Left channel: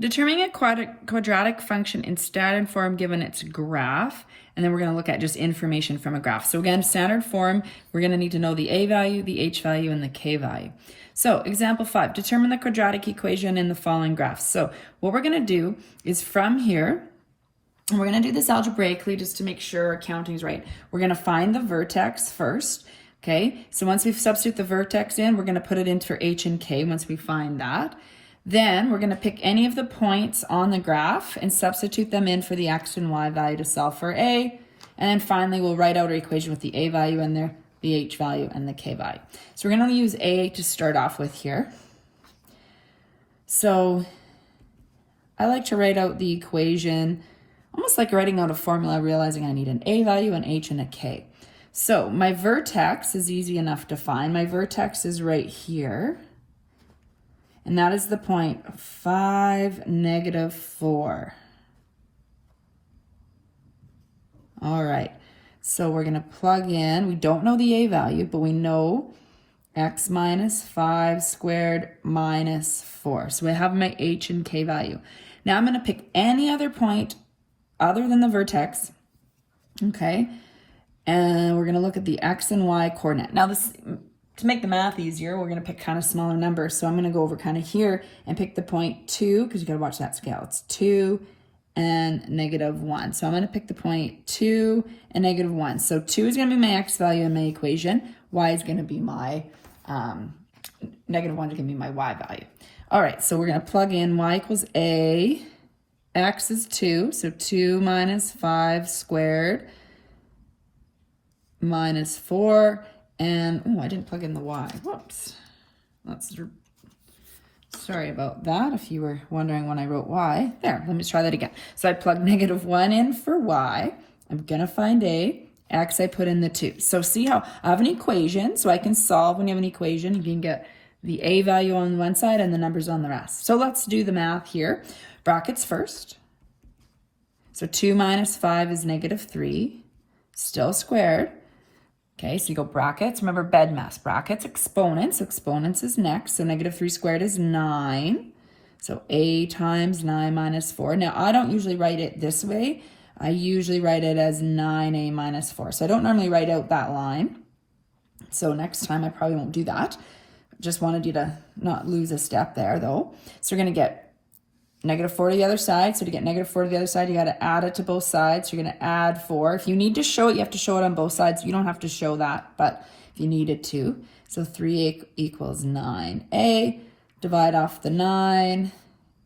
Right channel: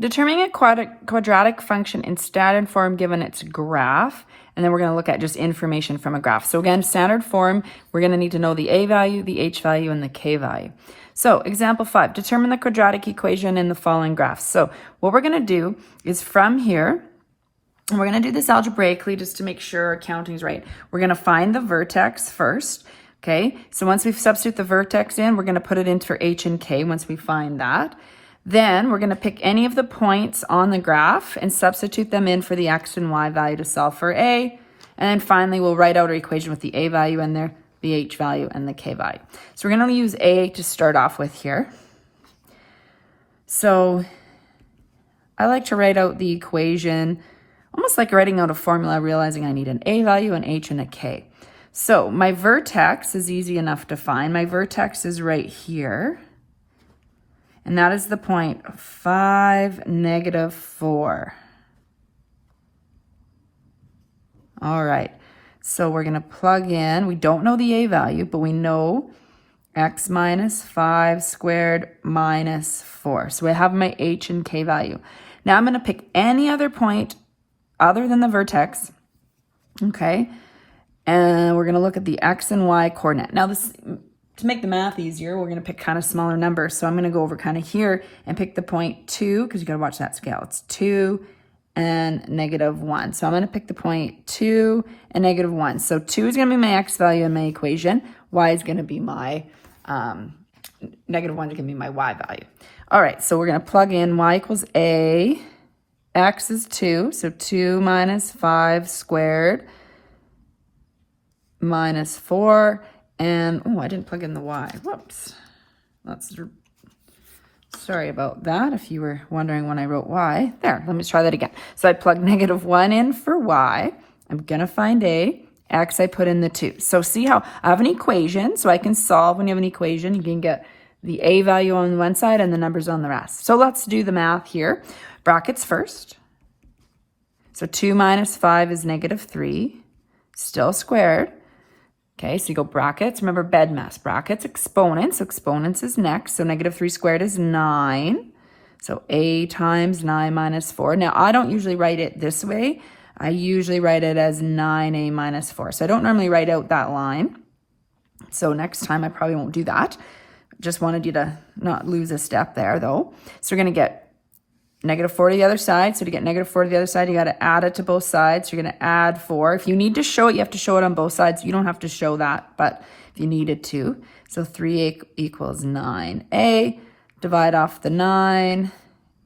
Determining a quadratic function in standard form given its graph. And then we're going to look at just information from a graph. So again, standard form, we're going to need to know the a value, the h value, and the k value. So example 5, determine the quadratic equation in the following graphs. So what we're going to do is from here, and we're going to do this algebraically just to make sure our counting's right. We're going to find the vertex first. Okay, so once we substitute the vertex in, we're going to put it in for h and k once we find that. Then we're going to pick any of the points on the graph and substitute them in for the x and y value to solve for a. And then finally, we'll write out our equation with the a value in there, the h value, and the k value. So we're going to use a to start off with here. So I like to write out the equation almost like writing out a formula, realizing I need an a value, an h, and a k. So my vertex is easy enough to find. My vertex is right here. And that is the point 5, -4. All right, so we're gonna plug in, we don't know the a value, but we know x minus 5 squared minus 4. So I have my h and k value. Now I'm gonna pick any other point other than the vertex, okay? And we're gonna look at the x and y coordinate. Now this, to make the math easier, we're going to pick kind of smaller numbers. So I'm going to go over kind of here and pick the point 2, because you got to watch that scale. It's 2 and -1. So I'm going to pick the point 2 and -1. So 2 is going to be my x value in my equation. Y is going to be my, -1 is going to be my y value. All right, so we're going to plug in y equals a, x is 2, so 2 minus 5 squared minus 4. And, oh, I didn't plug in the y. Whoops. Sorry about that, if you were wondering when I wrote y. There, let me try that again. So I plug -1 in for y. I'm going to find a. X, I put in the 2. So see how I have an equation, so I can solve when you have an equation. You can get the a value on one side and the numbers on the rest. So let's do the math here. Brackets first. So 2 minus 5 is -3. Still squared. Okay, so you go brackets, remember BEDMAS, brackets, exponents. So exponents is next, so -3 squared is 9. So a times 9 minus 4. Now, I don't usually write it this way. I usually write it as 9a minus 4. So I don't normally write out that line. So next time I probably won't do that. Just wanted you to not lose a step there though. So we're gonna get -4 to the other side. So to get -4 to the other side, you got to add it to both sides. So you're going to add 4. If you need to show it, you have to show it on both sides. You don't have to show that, but if you needed to. So 3a equals 9a. Divide off the 9.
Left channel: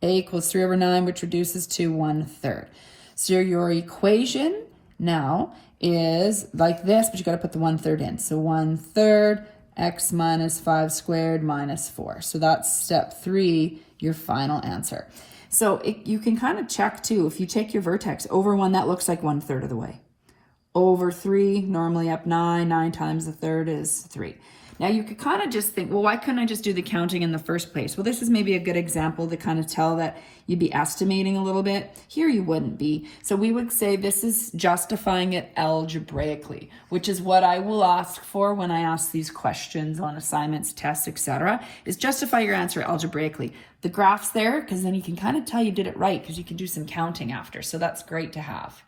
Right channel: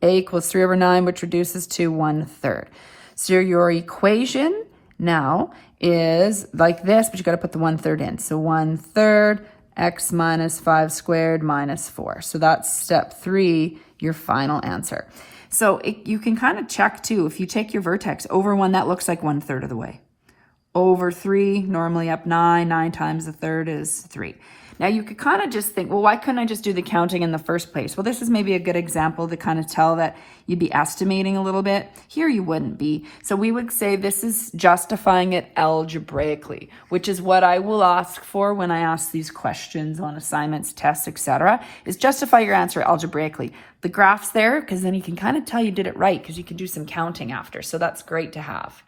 A equals 3 over 9, which reduces to 1/3. So your equation now is like this, but you got to put the 1/3 in. So 1/3 x minus 5 squared minus 4. So that's step 3, your final answer. So you can kind of check too, if you take your vertex over 1, that looks like 1/3 of the way. Over 3, normally up 9, 9 times a third is 3. Now you could kind of just think, well, why couldn't I just do the counting in the first place? Well, this is maybe a good example to kind of tell that you'd be estimating a little bit. Here you wouldn't be. So we would say this is justifying it algebraically, which is what I will ask for when I ask these questions on assignments, tests, etc. is justify your answer algebraically. The graph's there because then you can kind of tell you did it right because you can do some counting after. So that's great to have.